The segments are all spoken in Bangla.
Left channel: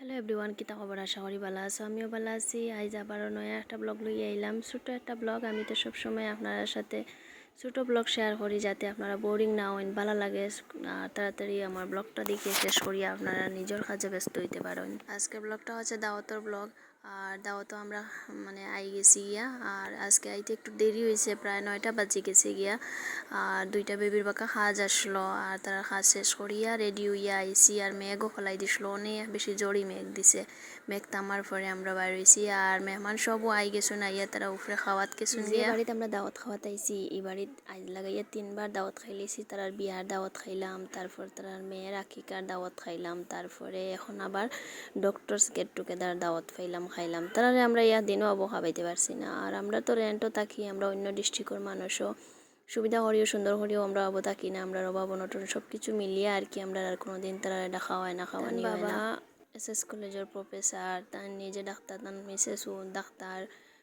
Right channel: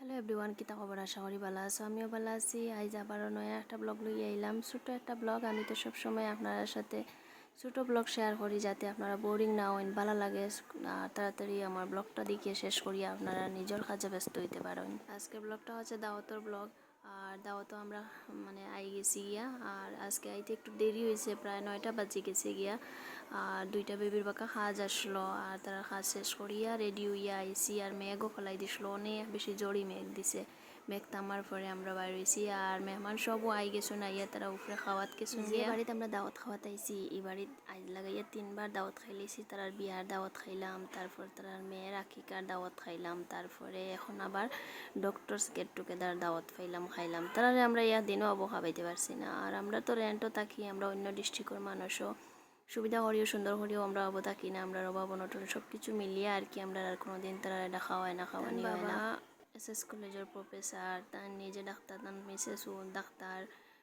হ্যালো এভরিওয়ান কিতা খবর আশা করি ভালো আছো আমিও ভালো আছি আজ আবারও নয়া একটা ব্লগ লইয়ে আইলাম ছোটো একটা ব্লগ আমি তো সবসময় আপনার সাথে ছোট ব্লগ শেয়ার করি যাতে আপনারা বোরিং না হন ভালো লাগে তাড়াতাড়ি আমার ব্লগটা দেখে শেষ করি আপনারা নিজের কাজে ব্যস্ত হইতে পারেন আজকের ব্লগটা হচ্ছে দাওয়াতর ব্লগ আর দাওয়াতও আমরা মানে আই গেছি গিয়া, আর আজকে আইতে একটু দেরি হয়েছে, প্রায় নয়টা বাজে গেছে গিয়া, আর দুইটা বেবির বাঁকা হাজ আসলো, আর তারা হাজ শেষ করিয়া রেডি হইয়া আইসি আর মেঘও ফলাই দিছিল, অনেক বেশি জড়ি মেঘ দিছে। মেঘ তামার পরে আমরা বাইর হইছি আর মেহমান সবও আই গেছো না ইয়া তারা উপরে খাওয়াত গেছো গিয়া বাড়িতে আমরা দাওয়াত খাওয়াত আইছি এই বাড়িত আজ লাগাইয়া তিনবার দাওয়াত খাইলেছি তারার বিয়ার দাওয়াত খাইলাম তারপর তারার মেয়ের আকিকার দাওয়াত খাইলাম তারপরে এখন আবার ডক্টরস গেট টুগেদার দাওয়াত খাইলাম খাইলাম। তারারে আমরা ইয়া দিনও আবো খাবাইতে পারছি না। আর আমরা তো রেন্টও থাকি আমরা অন্য ডিস্ট্রিক্টের মানুষও সুবিধা করিও সুন্দর করিও আমরা আবো থাকি না আমরা অভাব অনটন সব কিছু মিলিয়ে আর কি আমরা আর কোনো দিন তারা এটা খাওয়াই না খাওয়ানি হয় না। এস এস কলেজের প্রফেসর তার নিজে ডাক্তার তার মিসেসও ডাক্তার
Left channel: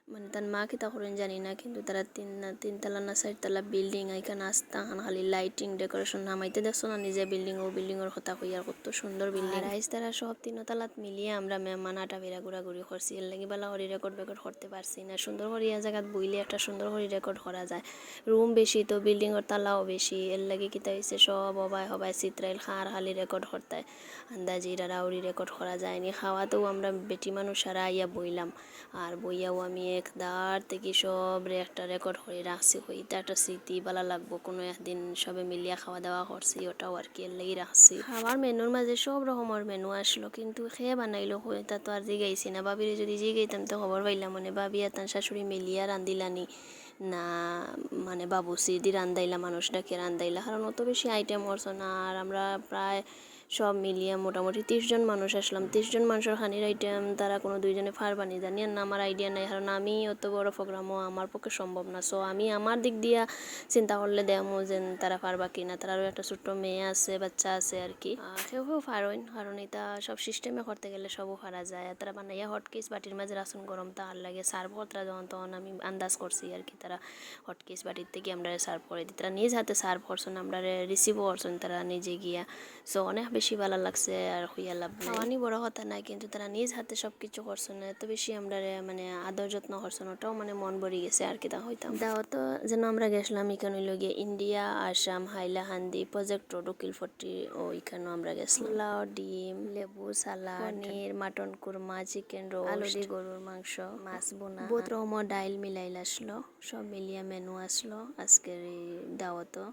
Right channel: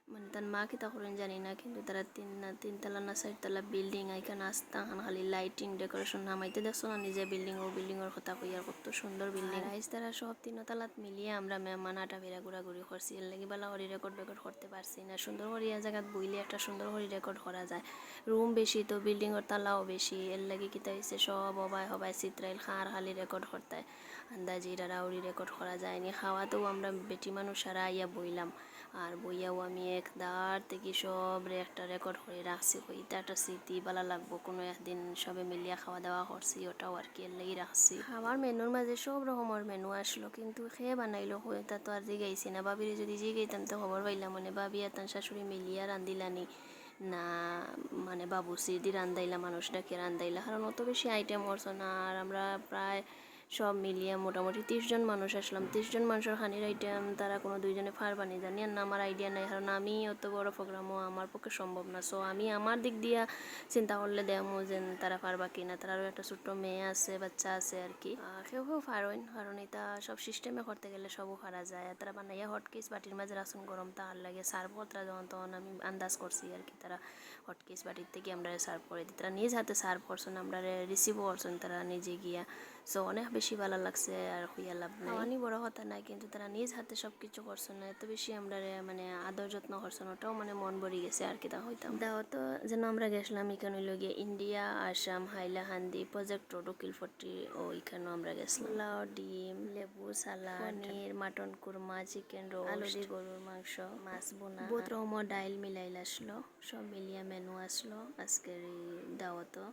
মানে তার মা কিতা জানি না কিন্তু তারা তিন তিনতলা না চারতলা বিল্ডিং এখানে আসতা খালি লাইটিং ডেকোরেশন নামাইতে দেখছ না নিজে বিল্ডিং ও বিল্ডিং এর কথা কই আর কত সুন্দর বিল্ডিং আইস তারা সব তিনতলাত মিলিয়ে আমরা মেহমান আটা বেড়া ঘুরাঘুরি করছি এর লাগি বেলা করি রেকর্ড বেকর্ড করতে পারছি না সুন্দর ইয়া জায়গাত বইলে একটা সুন্দর করে রেকর্ড করা যায় রুম বেশি তো বিল্ডিং এর তালাও বেশি এর লাগি কিতা হয়েছে সব হবাই হবাই চিত্রাইল খার খালি রেকর্ড করতে আন্দাজি রাউরি রেকর্ড করা যায়নি খাওয়াতেও আমরা বেটি মানুষ সারা আইয়া বইলাম আর বইয়াও আমি একদার থেকে সব একটা রেকর্ড করে রাখছি এটা একটা স্মৃতি ভালো লাগবো। কোনো একদিন সবে মিলিয়া খাওয়া দাওয়া করছি, ওটাও আর কি লাগি রাখছি। খাওয়ার মেনুর মাঝে সব রকমের মেনু আসলো, কিন্তু খেয়ে বানাইলো হয়ে তা আর জিগাইছি না। বাবিরে যদি জিগাইতাম তো খবর পাইলাম মানে বাবি আর তার শাশুড়ি মিলিয়া রান্দিলানি না মানে বাবুসি দি রান্দাইলা মানুষ ডাকে রান্দাইলা কারণ অত বেশি আইটেম করছ না, আর আমরা প্রায় সব মিলিয়ে মোটামুটি তিরিশ জন মানুষ আসলাম। তিরিশ জন মানুষের খানির আইটেম তারা কোনো দুইজনে ফারবানি জানি না আমার আইডিয়া নাই। কারণ আমি অত বড় প্রোগ্রামও আমার পক্ষে সম্ভব না। সো আমি আমার দিক দিয়া চিন্তা করলে দেমো যে তারা পারবা কি না তারারও একটা ছোট্ট মেয়ে আছে, বাচ্চা আছে আর কি। কেউ কেউ পারইন কারণ এটা সব সিস্টেমে করতে গেলে সবও পারা যায়। তারা বানাইয়া হটকেস বাটির মাঝে রাসন গরম তার লাগে। সার্ভ কতরা যখন তখন আমি আন্দাজ করছি আর কি তারা হটকেস বাটির থেকে আমরা সার্ভ করে দিই। তারা নিজ হাতে সার্ভ করছেন, আমরা রিসিভও করছেন তারা নিজে গিয়া। সো অনেক বেশি ভালো লাগছে আর হইয়া লাভ নাই। অনেক বড় কথা নাই কিন্তু তারা নিজ হাতে সব কিছু করছেন এত বেশি আমরা মানে আদর যত্ন করছেন ওটাও মানে মন ভরে গেছে আর কি তা হইতাম। দাও তো যেন আমরা গেছিলাম এখানে লগে India Assam Hailakandi project road Ukilpatti ও এখানেও আমরা গেছিলাম। লাউ ডিম লেবু salad paneer mutton korma chicken roll আলু দিয়ে গরুর মাংস মাছ বোনা। বহুত রকমের ডাইল মিলাইল আসলো সব মিলিয়ে মেনু আসলো। আজকের এই দাওয়াতও